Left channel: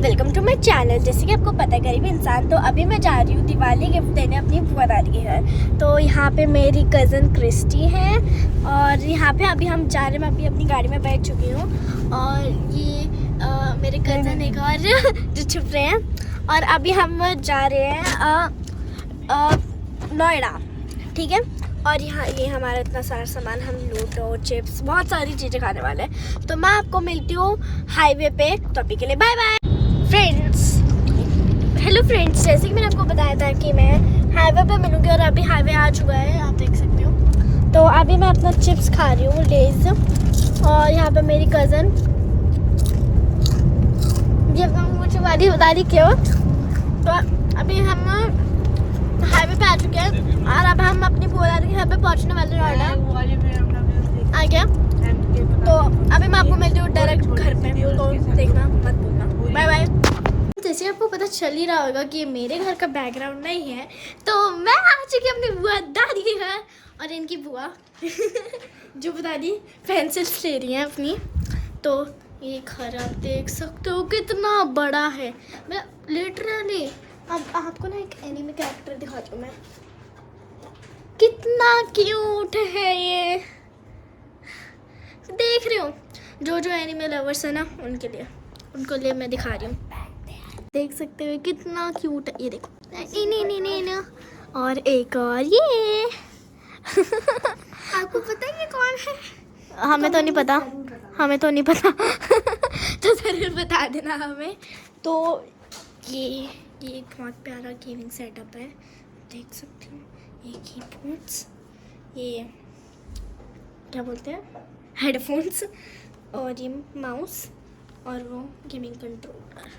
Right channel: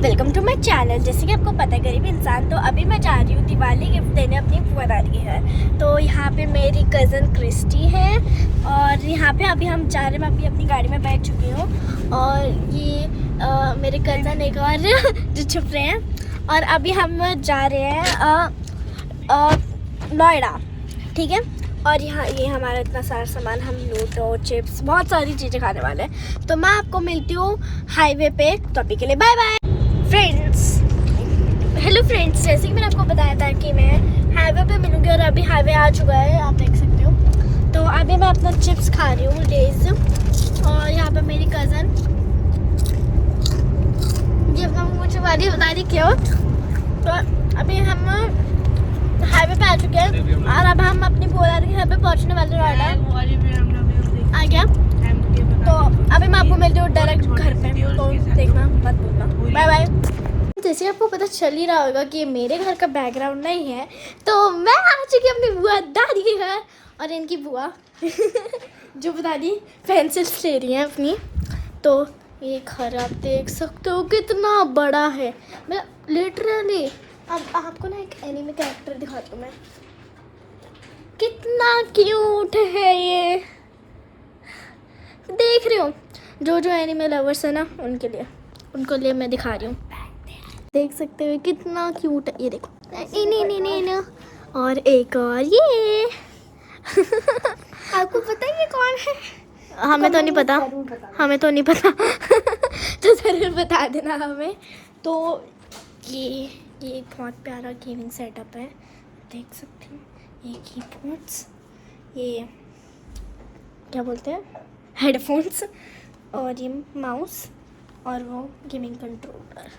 Welcome to my channel. जैसे कि आपको पता है गरीब इंसान, तो अभी मैं जा रही हूँ दिवाली गिफ्ट देने अपनी बुआ दादी के घर। तो यहाँ पे मेरी कज़न क्रिस्टी है और यहाँ पे अभी हम जा रहे हैं। मैं अभी अपनी गाड़ी में बैठ चुकी हूँ और ये मेरे कज़न एक और जो छुप रहे हैं। और अभी हम जा रहे हैं नोएडा, ठीक है। और यहाँ ये हमारा इतना सारा सामान, हम लूडो चिप्स बहुत सारी चीज़ें खाने वाले हैं। तो मैं आपको मिलती हूँ हाईवे पे। तो अभी के लिए bye bye friends. Hello friends, जैसे कि मैंने आपको बताया था कि मैं हाईवे पे मिलूँगी और अभी हाईवे आ चुका है, आप देख सकते हो। तो अभी मैं अपना चिप्स खा रही हूँ, लेज। और यहाँ पे मेरी कज़न, ये मुझे वाली बता दी क्यों। तो अभी हम हाईवे पे आ चुके हैं और अब हम अपनी बुआ के घर पे पहुंचने वाले हैं। नोएडा आ गया। तो अभी मैं आपको मिलती हूँ डायरेक्ट घर पे, तो देखना मत भूलना। Bye bye. जैसे आपको पता चल ही रहा होगा कि मेरे घर का बैकग्राउंड नहीं है, तो मैं आ चुकी अपनी बुआ दादी के घर। और इनकी बुआ जो बता दी पेंसिल्स ले रही हैं अपनी। तो ये घर आप देख सकते हो कितना बड़ा है। मैं लिटरली अब आपको ना एक एनिमे कैरेक्टर दिखाती हूँ मैं, कितना क्यूट है ये। देख रहे हो, जो एनिमे लवर्स है ना, उनको लिए मैं दिखा रही हूँ। देख सकते हो कितना क्यूट है, ये देखो। इन्हें और एक और ये आपको पता है ये कौन है? हमें तो नहीं पता तो ज़रूर बता देना हमें। तो ये बहुत प्यारा गेमिंग सेटअप है, देख सकते हो। ये कीबोर्ड्स, ये क्या बोलते हैं, हेडफोन्स, और ये माउस और वो गेमिंग कंट्रोलर।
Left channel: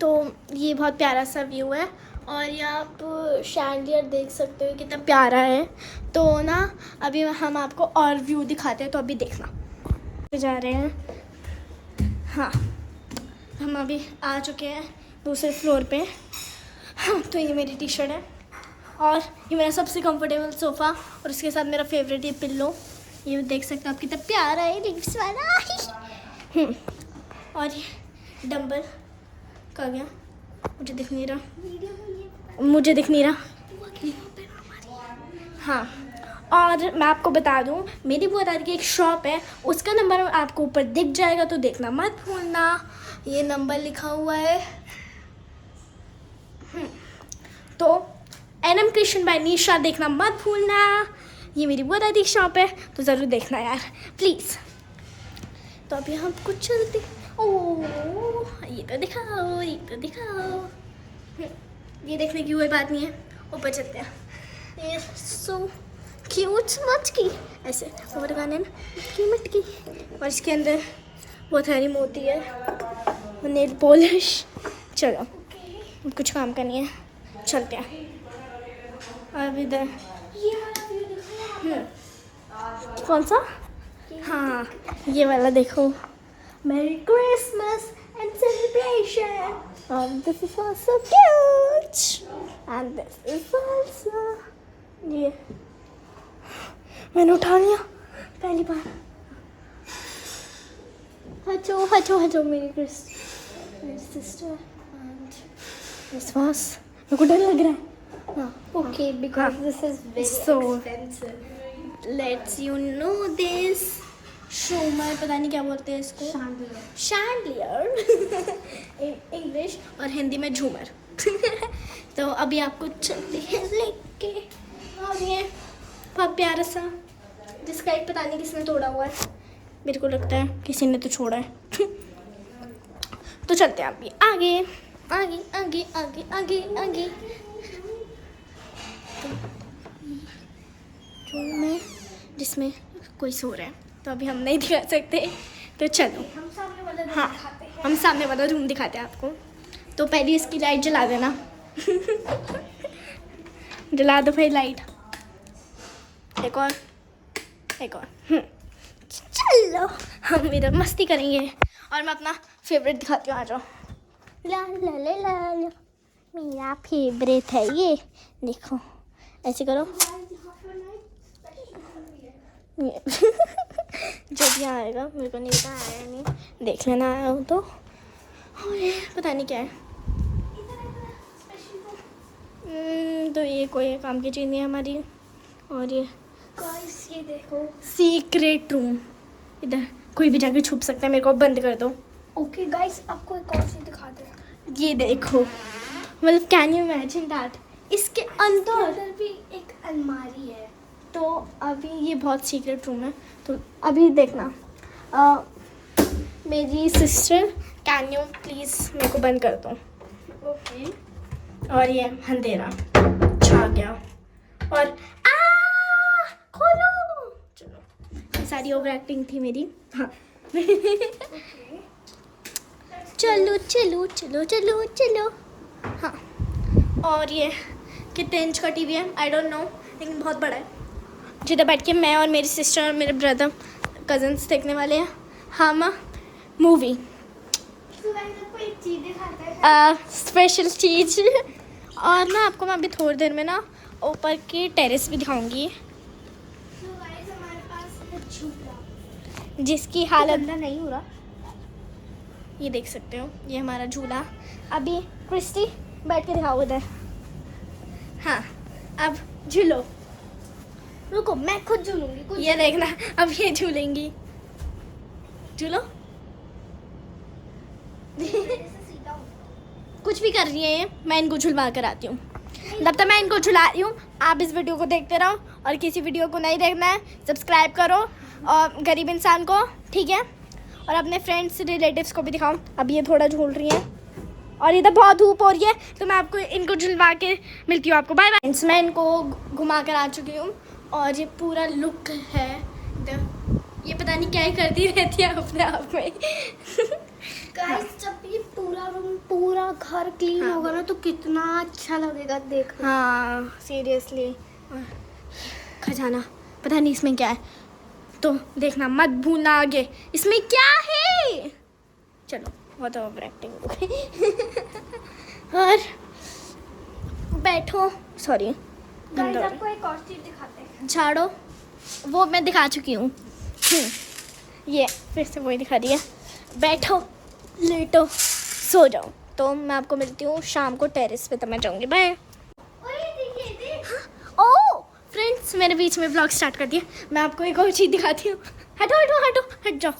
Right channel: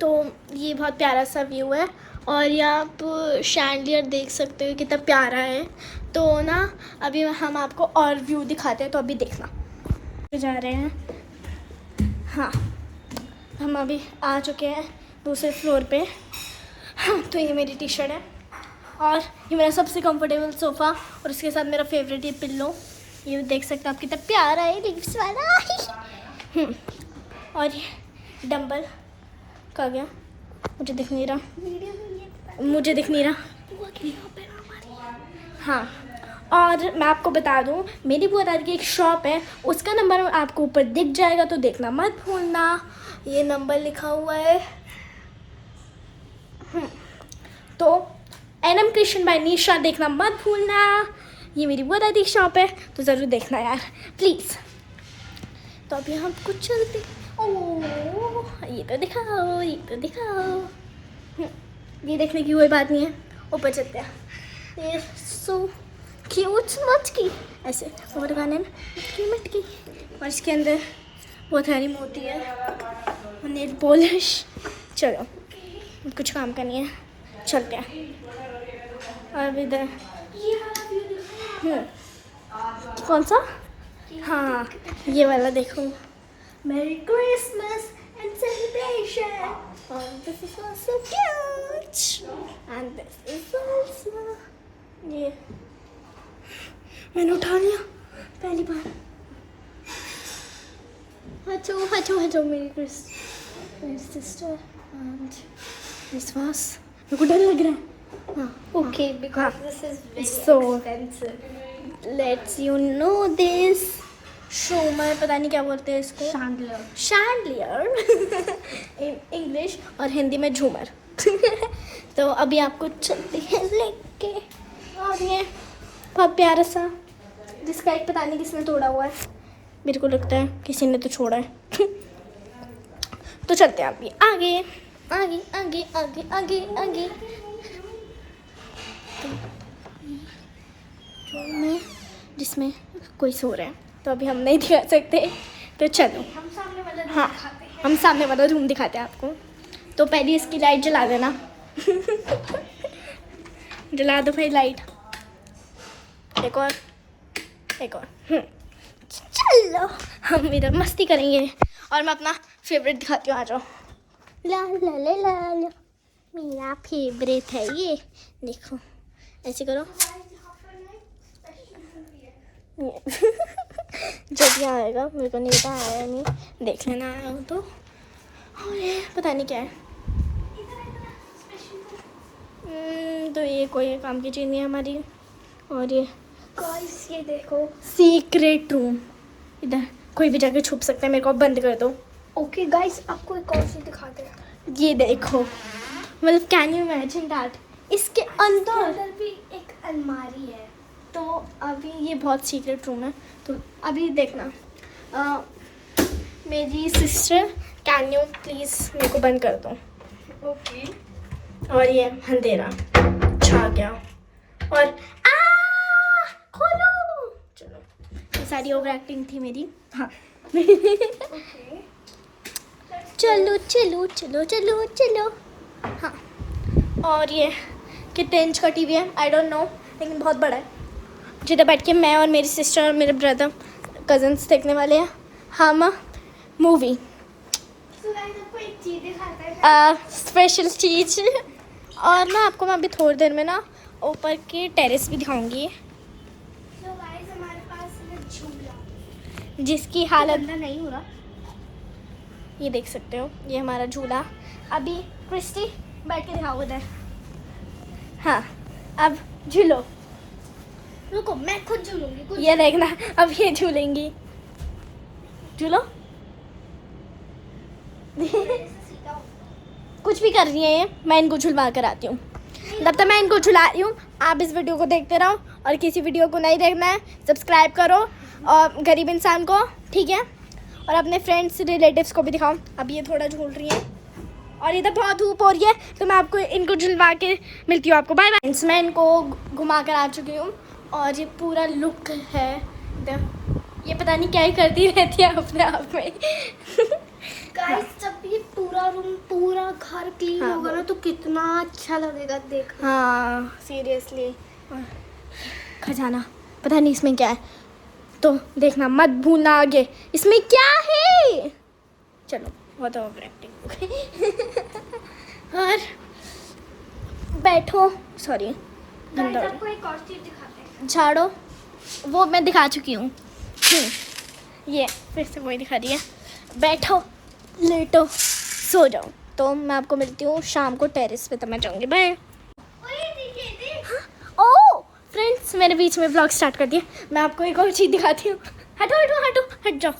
तो ये बहुत प्यारा सा व्यू है। और ये आप शैंडियर देख सकते हो कितना प्यारा है। तो ना अभी हम आपको और व्यू दिखाते हैं, तो अभी देखना। जा रहे हैं, हाँ हम अभी आ चुके हैं दूसरे फ्लोर पे। हाँ, तो ये मेरी टी शर्ट है और ये मेरा सबसे कंफर्टेबल सोफ़ा, और उसके साथ मेरा फेवरेट ये पिल्लो। ये देख सकते हो आप कितना प्यारा है, लिप्स वाला। और ये डंबल का गया, मुझे दिख नहीं रहा। हाँ, और मैं आपको बता दूँ, मेरी बुआ दादी की एक शॉप है, उसका नंबर आपको ऊपर दिख जाएगा, तो देखना मत भूलना। ये नंबर लिखा हुआ है। तो NM कृष्ण बाय निशा, देखना मत भूलना। ये मेरी बुआ दादी की शॉप है, तो ज़रूर देखना यार प्लीज़। तो अभी हम कुछ चलते। ओह, ये तो दिखाओ। ये देखने की कोई बात नहीं है, ऊपर चलते हैं। ये सो क्यूट मटकी, ऐसे ऊपर गाने ना मटकी, और इसके अंदर बहुत सारी मोती है, नेल पॉलिश। चलो कुछ काम का नहीं है, चलते हैं। अब इधर कौन सा, हाँ ये वाला देखो, मेरी Christmas and celebration, and this is also cute, and this is also, ये मैंने उठा लिया पहली बार। हटो मेरी सिस्टर, एंड दिस वाज, मेरे को डर लग रहा है। Okay, because this is very expensive. Let's you know this. मैं पता नहीं क्या बोलते हैं इसको, शैंडलियर इंग्लिश, और हिंदी में झूमर। तो अभी आपको चलते हैं लेके। और ये बहुत प्यारा सा, जिसका एक पता नहीं किसने तोड़ा हुआ है, मेरे को लगता है किसी ने तो छोड़ा है। तो चलते हैं अभी आगे। रूम है जिसमें कोई सो रहा है, तो अभी हम नहीं दिखा सकते, तो चलो हाँ हम सामने वाला रूम दिखाते हैं आपको। तो पहले इसकी लाइट जला देना। जला दो भाई लाइट। एक और चलो हम इधर मस्ती करेंगे, और मैं अपना फेवरेट दिखाती हूँ, आ जाओ। ला मेरा फेवरेट है ये, देखो ऐसे करो। जब यहाँ आएगा, मेरे को नहीं पता आया नहीं, देख लेना आया हूँ तो। और ये पता नहीं क्या है। तो ये कोई काम की चीज़ नहीं है हमारी। और ये गाइस ये देखो। सीक्रेट रूम, इधर कोई भी जाके छुप सकता है, मेरे को बंद कर दो। ओके गाइस आपको एक और चीज दिखाते हैं। ये देखो, मतलब कैन यू इमेजिन दैट, इसके अंदर भी एक अलमारी है। तो अभी ये बहुत सीक्रेट रूम है, तो अभी देखना। मेरी सिस्टर, कैन यू प्लीज़ मेरे को बंद कर दो। ओके। और ये अंधेरा छा गया और खोलो। चलो, सारी ओवर एक्टिंग थी मेरी। हाँ चलो चलो चलो चलो चलो। हाँ, और ये कितने इंच का टीवी है आई डोंट नो, लेकिन बहुत बड़ा है, जिधर बैठ के मैं और मेरी सिस्टर और मेरे ब्रदर कजन्स देखने वाले हैं हम मूवी। एक चीज दिखाते हैं। स्पेशल चीज़। और ना आपको मैं अभी थोड़ी देर में ना ऊपर की टेरेस भी दिखाऊंगी, तो गाइस हमारे पास है झूला। जिसकी हालत नहीं हो रहा। ये देख सकते हो, ये हमारा झूला। अभी क्रिस्टी बैठ के दिखाओ उधर। हाँ, अब झूलो। रुको मैं खुद झूलूंगी। ये देखना, अब ये झूलेंगी। झूलो। कुछ भी कर रही है ये, मैं इनको झुलवा कर आती हूँ। तब तक मैं इनको झुला रही हूँ, आप इस वीडियो को देखते रहो। और किसी वीडियो को नहीं देखना है, सब्सक्राइब करो और गरीब इंसान को, ठीक है। और अपने फ्रेंड्स रिलेटिव्स को भी दिखाओ। अब ये थोड़ा झूल रही है और इधर बहुत धूप हो रही है, तो मैं आपको इनको झुलवा के मिलती हूँ आपको। Bye bye. मैं इनको घुमा कर आ चुकी हूँ और ये पूरा लुक है इधर। ये पता नहीं क्या ही करती रहती है अपने आप में। गाइस जब ये पूरा रूम पूरा घर क्लीन हाँ। होगा ना तो कितना अच्छा लगेगा देख। हाँ सीरियसली। खजाना पता नहीं इसमें क्या है, तो देखना मत भूलना आगे इसमें क्या है। चलो बहुत ओवर एक्टिंग। और बैठो, सॉरी आपको एक और चीज दिखाते हैं। झाड़ो, वो मैं दिखा चुकी हूँ। ये फिर से वही दिखा रही है। बैठो, लेटो, सो जाओ। तो मैं आपको मिलती हूँ शाम को टेरेस पे, तो मैं जाऊँगी। बाय। ओह फ्रेंड्स, मैंने बीच में ब्लॉग स्टार्ट कर दिया। मैं आपको एक और चीज़ दिखाती हूँ। हटो हटो हटो हट जाओ।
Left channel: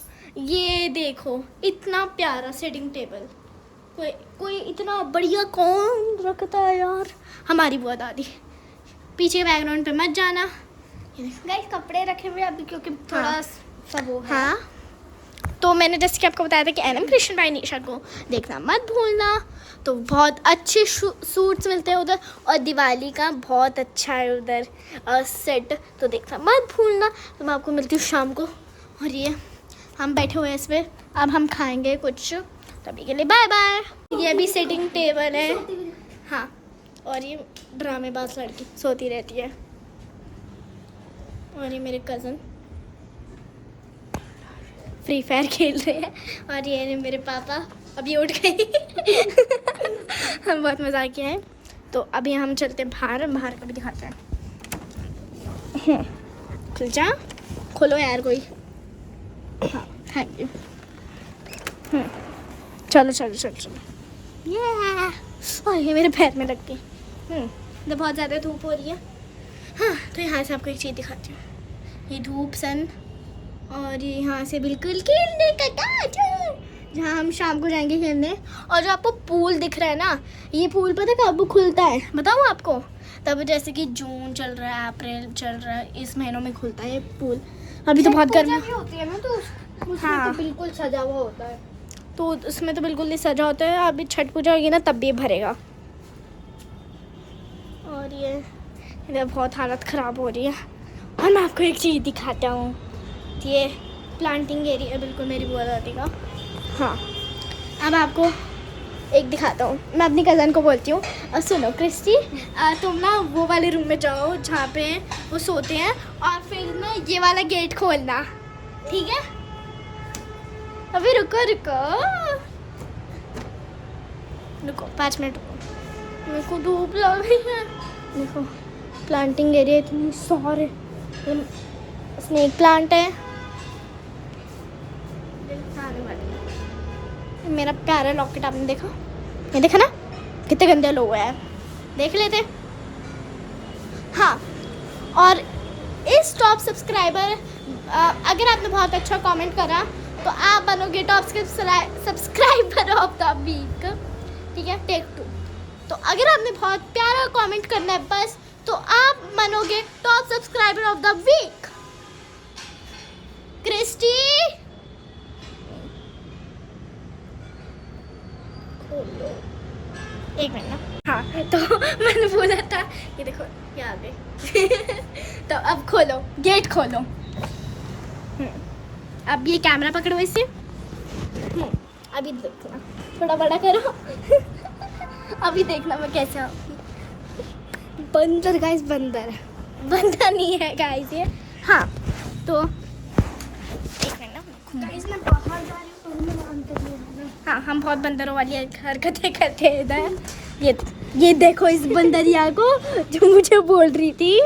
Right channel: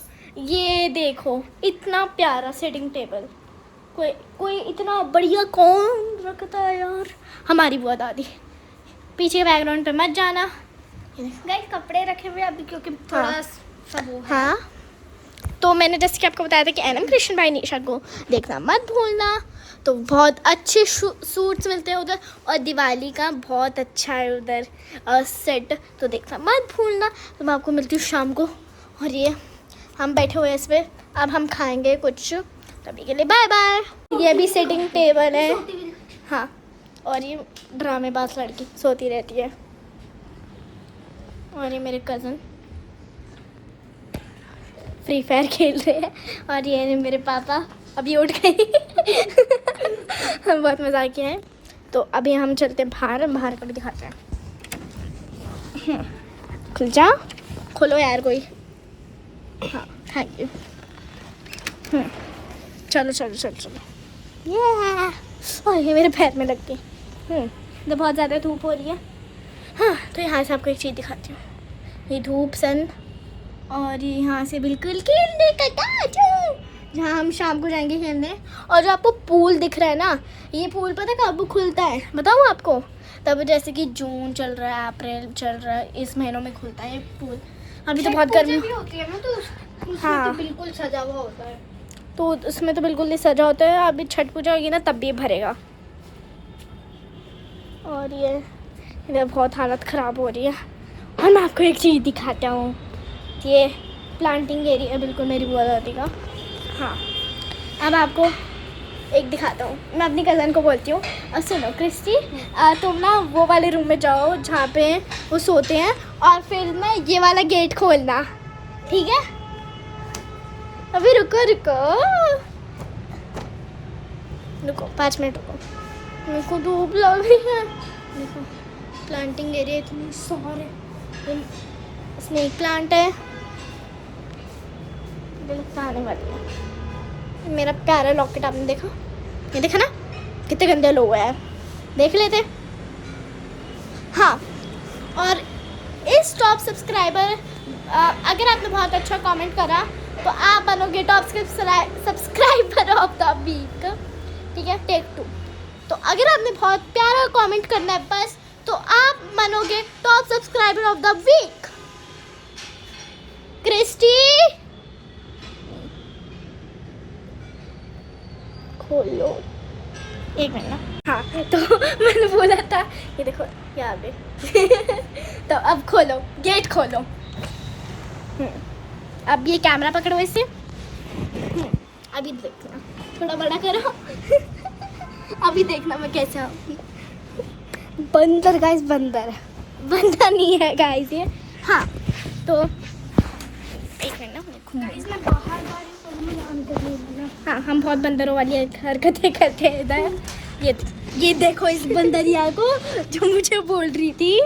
ये देखो, इतना प्यारा सेटिंग टेबल कोई इतना बढ़िया कौन रखता है यार। हमारी बुआ दादी। पीछे बैकग्राउंड पे मत जाना। गाइस कपड़े रखे हुए अभी क्योंकि थोड़ा हाँ। सब वो है। हाँ, तो मैंने जैसे कि आपको बताया था कि एनएम कृष्ण भाई निशा को देखना मत भूलना। तो बहुत अच्छे सूट्स मिलते हैं उधर, और दिवाली का बहुत अच्छा है उधर सेट, तो देखना मत भूलना। तो मैं आपको मिलती हूँ शाम को। और ये हम बैठे हुए हैं इस पर, अब हम खाएंगे कुछ, तभी के लिए बाय बाय। ये भी सेटिंग टेबल है। हाँ, और ये ड्रामेबाज लड़की सोती रहती है। और ये मेरे कज़न फ्री फायर खेल रहे हैं। और ये मेरे पापा अभी उठ गए। हम बहुत मज़ा किया है। तो अभी हम चलते हैं बाहर का भी दिखाते हैं। खुल जा, खोलो यार कोई। हाँ थैंक यू। चलो चलो चलो चलो। ये और ये मेरे पैर में लग गई। तो बहुत ज़्यादा धूप हो रही है। हाँ, तो यहाँ से आपको एक चीज़ दिखाती हूँ। ये धूप सन, और यहाँ से बिल्कुल खेलने का काज, जहाँ हम शाम को जाएंगे खेलने। और जो आपको पूल दिख रहा है ना, ये पूल पता है कब खुलता है बताऊँ आपको? तब जैसे कि जून चल रहा है, अप्रैल चल रहा है, इस महीनों में खुलता है ये पूल। अभी तो बहुत गर्मी होती है ना, तो उसमें हाँ। तो बिल्कुल सजा हुआ होता है। तो उसमें तो बिल्कुल नहीं सजा होता है। अभी छठ पूजा होगी ना, तब भी भरेगा। और ये इधर बहुत हालत ख़राब हो रही है। और मैं आपको एक चीज़ दिखाता हूँ। ये प्लांटिंग एरिया बिल्कुल मेरी बुआ दादी का। हाँ, अब आपको एक दिखाता हूँ। मैं अपनी कज़न को बोलती हूँ, और सुनो क्रिस्टी, तुम ना वो वाले रूम में जाओ जहाँ पे वो सोते हैं, और फिर ना ये वाला गेट खोलना, ठीक है? अभी रुको रुको रुको 5 मिनट रुको, मेरे को धूप लग रही है। देखो प्लांटिंग एरिया इतनी सारे, स्नेक प्लांट है, मेरा प्यारा लॉकेट आपने देखा? ये देखा ना कितने गंदे लोग हैं, देख लेते। हाँ, और इस टॉप सब्सक्राइबर अगर आपने बहुत अच्छा कमेंट करा तो आप बनोगे top subscriber of the week. ठीक है, टेक 2। तो अगर आपने बहुत प्यारा कमेंट करना है बस, तो आप बनोगे top subscriber of the week. Christy खोलो, एक मिनट ना। हाँ, तो मैंने बोला था, ये देखो यहाँ पे तो अब खोलो, गेट खोलो। अब ये कैमरा पकड़ो इसे। अभी देखना, थोड़ा बड़ा करो अभी देखना मैं कैसा हूँ। बंदर गाइस, बंदर नहीं है गाइस ये। हाँ, तो एक मिनट ना, मैं बाहर जा रही हूँ तो मैं अंदर नहीं आना। हाँ, हम बहुत बंदरों वाली हरकतें करते हैं इधर। ये देखो इस बंदरिया को जो मुझे बोल रही थी।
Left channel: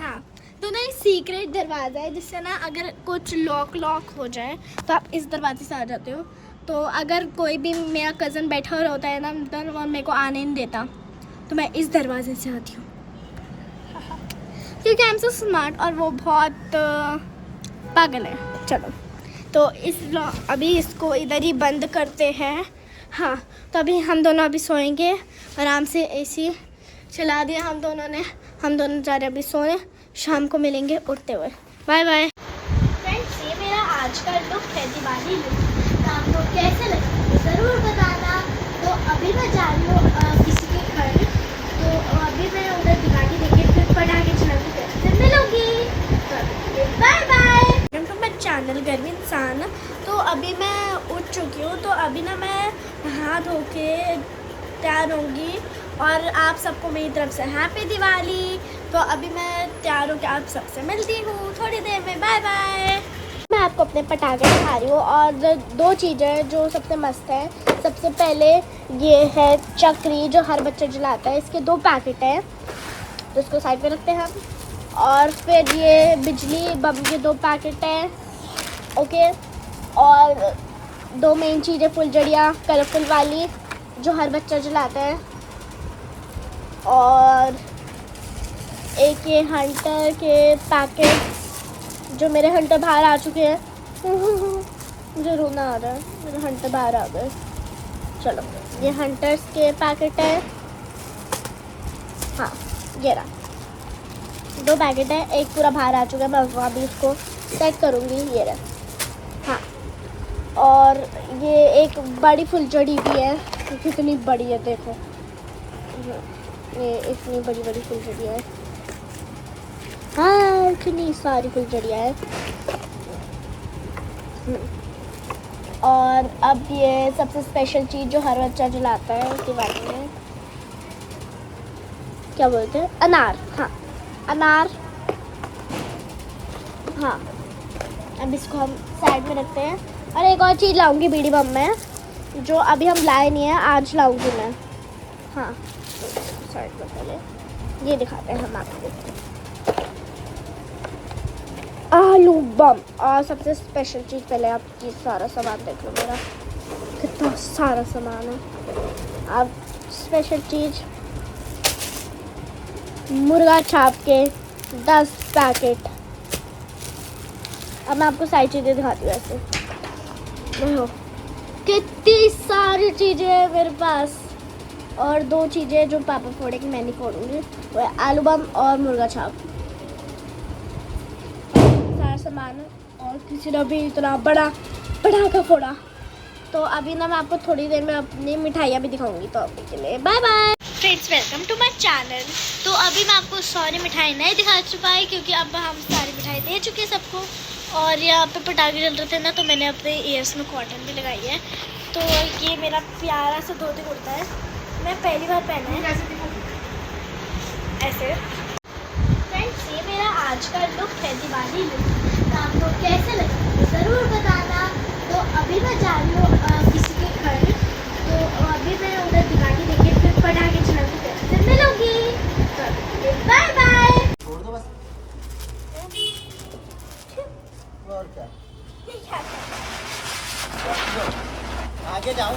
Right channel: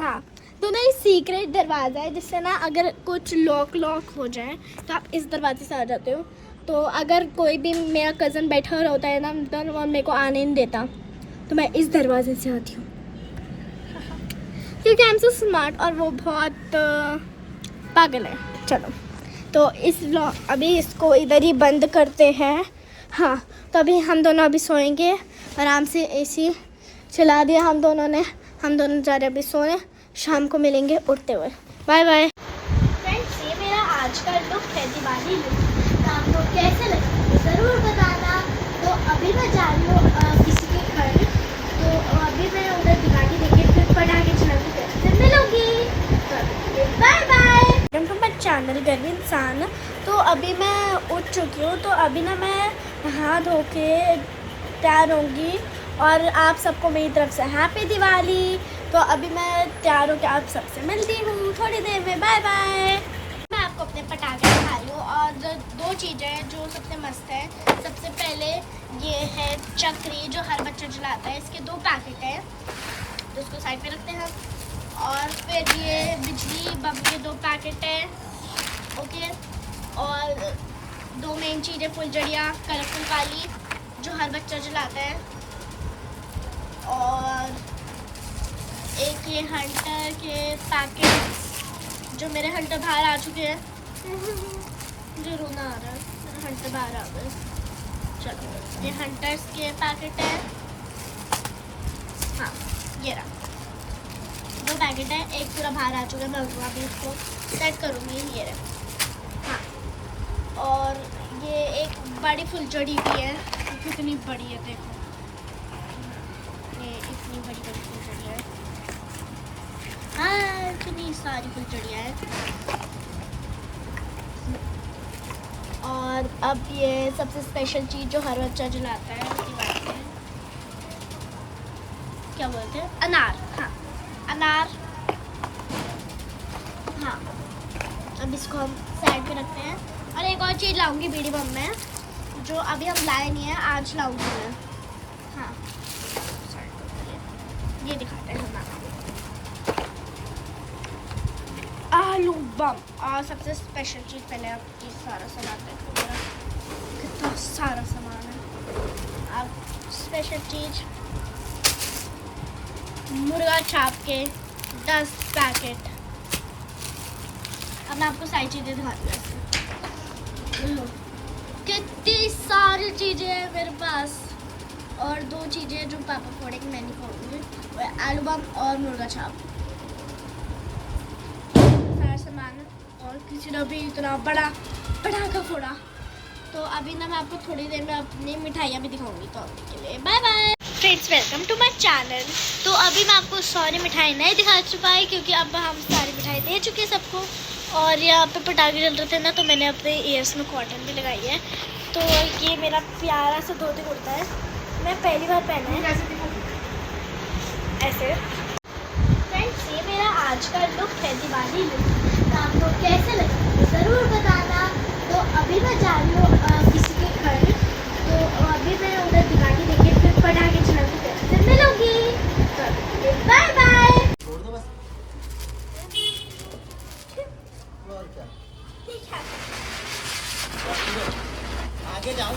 हाँ, तो ना ये सीक्रेट दरवाज़ा है जिससे ना अगर कुछ लॉक हो जाए तो आप इस दरवाजे से आ जाते हो। तो अगर कोई भी मेरा कज़न बैठा होता है ना अंदर और मेरे को आने नहीं देता, तो मैं इस दरवाजे से आती हूँ क्योंकि आई एम सो स्मार्ट और वो बहुत पागल है। चलो, तो अभी इसको इधर ही बंद करते हैं। हाँ, तो अभी हम दोनों अभी सोएंगे आराम से। एसी चला दिया हम दोनों ने। हम दोनों जा रहे अभी सोने, शाम को मिलेंगे उठते हुए। बाय बाय फ्रेंड्स, ये मेरा आज का लुक है, दिवाली लुक। तो आपको कैसे लगा ज़रूर बताना। तो अभी मैं जा रही हूँ किसी के घर, तो अभी मैं उधर दिवाली देखे फिर पटाखे चला के फिर मिलूंगी। तो bye bye. Welcome to my channel Garvi Insaan. तो अभी मैं उठ चुकी हूँ, तो अभी ना मैं नहा धो के तैयार होंगी और आप सबको मेरी तरफ से हैप्पी दिवाली। तो अभी मैं तैयार होकर आप सबसे मिलती हूँ थोड़ी देर में। Bye bye. मैं आपको अपने पटाखे दिखा रही हूँ और दो चीज़ें जो सबसे मस्त हैं। सबसे पहले ये है चक्री जो हर बच्चा जलाता है, इसके 2 पैकेट हैं, तो इसको साइड पे रखते हैं हम। और फिर ये बिजली बम के 2 पैकेट हैं, ओके। और 2 मेन चीज़ें फुलझड़ियाँ कलरफुल वाली जो हर बच्चा जलाता है, और एक ये हंटर के पैकेट जो मेरे हंटर बाहर आ चुके हैं मुझे रोना आ रहा है, मेरे हंटर बाहर आ गए। चलो, ये हंटर्स के पैकेट है। हाँ, ये रहा 2 पैकेट है, एक पूरा बाहर आ चुका है, मैं वहाँ भी उसको सेट करूँगी। ये रहा। हाँ, और ये एक बड़ी फुलझड़ी भी है, कितनी बड़ी है देखो, ये इतनी बड़ी बड़ी फुलझड़ियाँ है। हाँ, इतनी सारी फुलझड़ियाँ है। और अब ये सबसे स्पेशल चीज़ जो हर बच्चा जलाता है दिवाली में, क्या बोलते हैं, अनार। हाँ, अनार। हाँ, अब इसको हम साइड में रखते हैं। और एक और चीज़ लाऊंगी बीड़ी बम में, जो अभी हम लाए नहीं है, आज लाऊंगी मैं। हाँ, साइड में पहले ये दिखाते हैं हम आपको, आलू बम। और सबसे स्पेशल चीज़, पहले आप ये सारा सामान देख लो, मेरा कितना सारा सामान है। अब स्पेशल चीज़ मुर्गा छाप के 10 पैकेट। अब मैं आपको सारी चीज़ें दिखाती हूँ। ऐसे देखो कितनी सारी चीज़ें हैं मेरे पास। और 2 चीज़ें जो पापा फोड़ेंगे, मैं नहीं फोड़ूंगी, वो है आलू बम और मुर्गा छाप। सारा सामान है, और किसी ने भी इतना बड़ा पटाखा फोड़ा। तो अभी ना मैं आपको थोड़ी देर में अपनी मिठाइयाँ भी दिखाऊंगी, तो अभी के लिए bye bye. Friends, welcome to my channel. तो अभी मैं आपको सारी मिठाई नहीं दिखा चुका है क्योंकि अब हम सारी मिठाई दे चुके हैं सबको। और यहाँ पे पटाखे जल रहे थे ना, तो मैंने अपने ईयर्स में कॉटन भी लगाई है। तो ये मेरा प्यारा सा धोती कुर्ता है, मैं पहली बार पहना है ऐसे। फ्रेंड्स, ये मेरा आज का लुक है, दिवाली लुक। तो आपको कैसे लगा ज़रूर बताना। तो अभी मैं जा रही हूँ किसी के घर, तो अभी मैं उधर दिवाली देखे फिर पटाखे चला के फिर मिलूंगी। तो बाय बाय। और क्या आगे जाऊँ।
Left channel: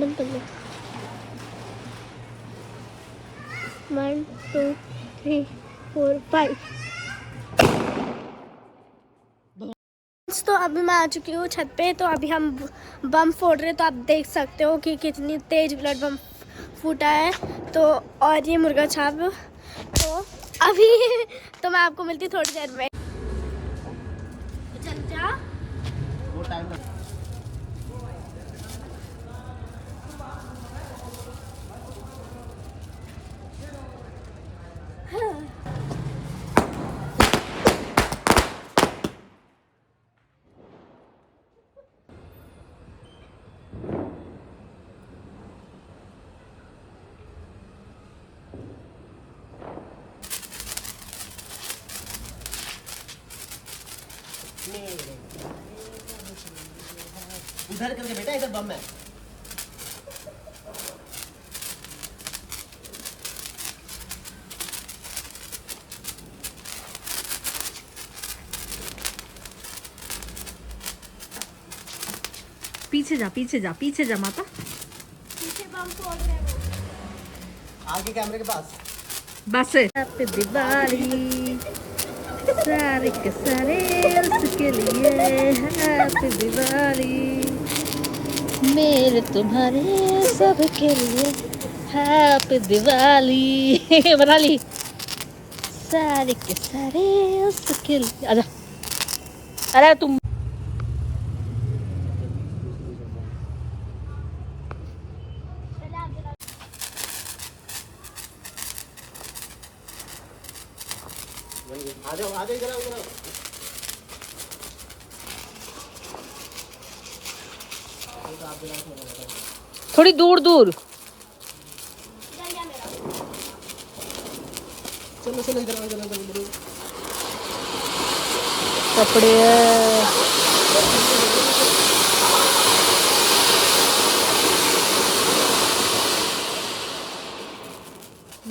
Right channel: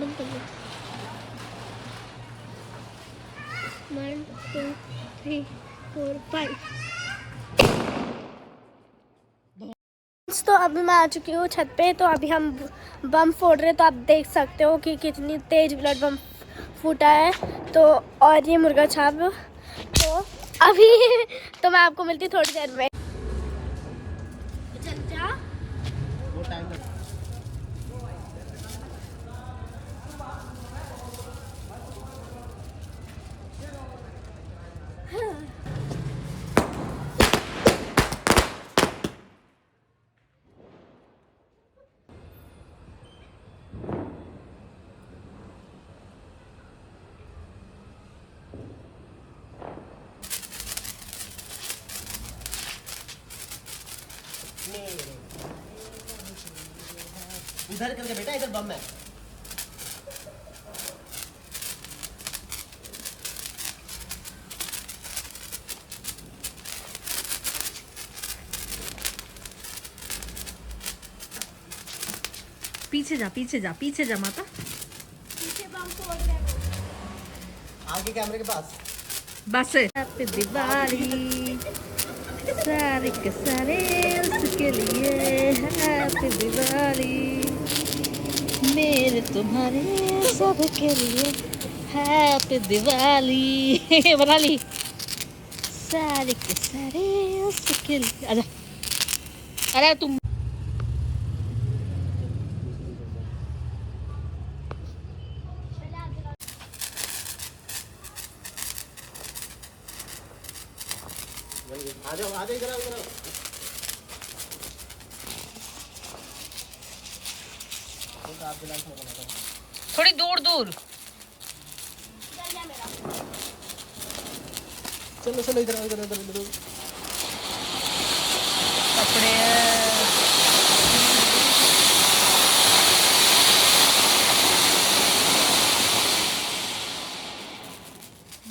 बंद कर लो। 1 2 3 4 5। तो अभी मैं आ चुकी हूँ छत पे। तो अभी हम बम फोड़ रहे हैं। तो आप देख सकते हो कि कितनी तेज ब्लड बम फूटा है। तो और ये मुर्गा छाप। तो अभी तो मैं आपको मिलती थोड़ी देर में। चल जा। वो टाइम लग उधर करके बेटा, इधर बम है। पीछे जा पीछे जा पीछे जा माता। पीछे बम फोड़ रहे हैं वो। आगे कैमरे के पास। बस हैप्पी दिवाली सारे के सारे उसके लिए। हैप्पी दिवाली मेरे तुम्हारे सब के लिए। हैप्पी दिवाली बना ली। सारे के सारे उसके लिए। आजा। अरे तुम आ जाओ इधर आओ, इधर आओ। थोड़ी दूर दूर। चलो चलो इधर इधर इधर इधर। कपड़े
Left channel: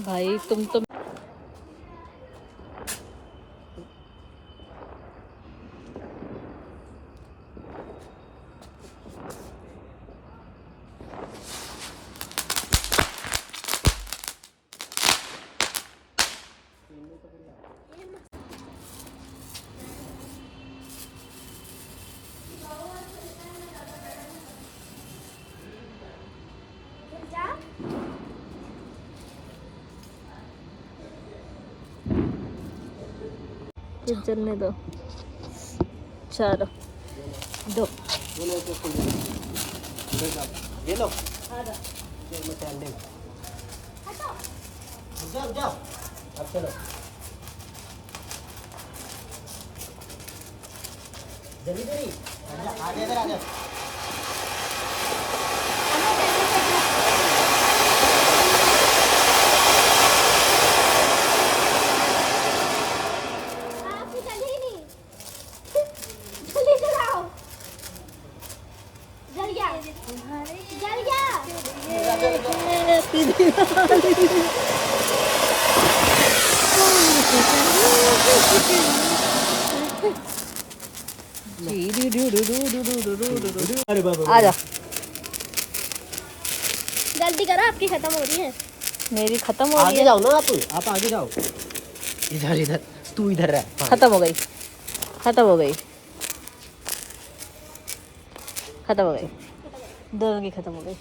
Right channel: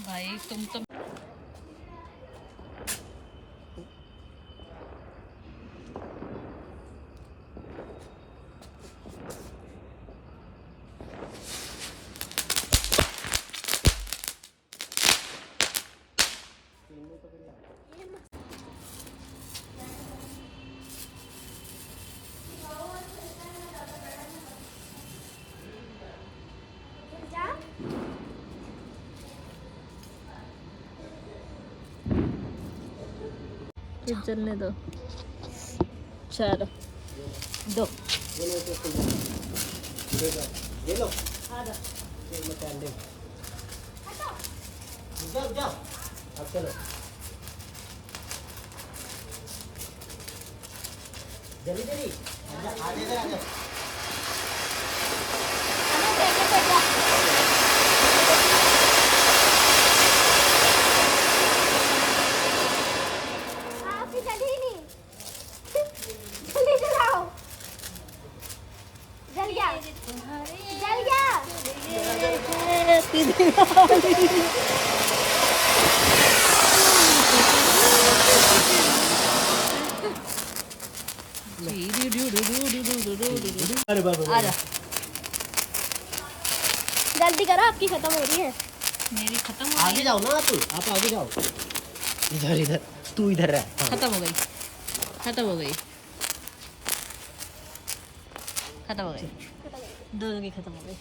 भाई तुम तो चलने दो। चलो दो। ये लो। मैं कैंडल। जाओ जाओ। अब चलो। जल्दी जल्दी। आजा इधर आजा। हैप्पी दिवाली। अरे बाबा। आजा। जल्दी करो, आपकी खत्म हो रही है। मेरी खत्म हो रही आगे है। जाओ ना आप आगे जाओ। इधर इधर तू इधर रह। हाँ। खत्म हो गई। खत्म हो गई। खत्म हो गई। दोनों की खत्म हो गई।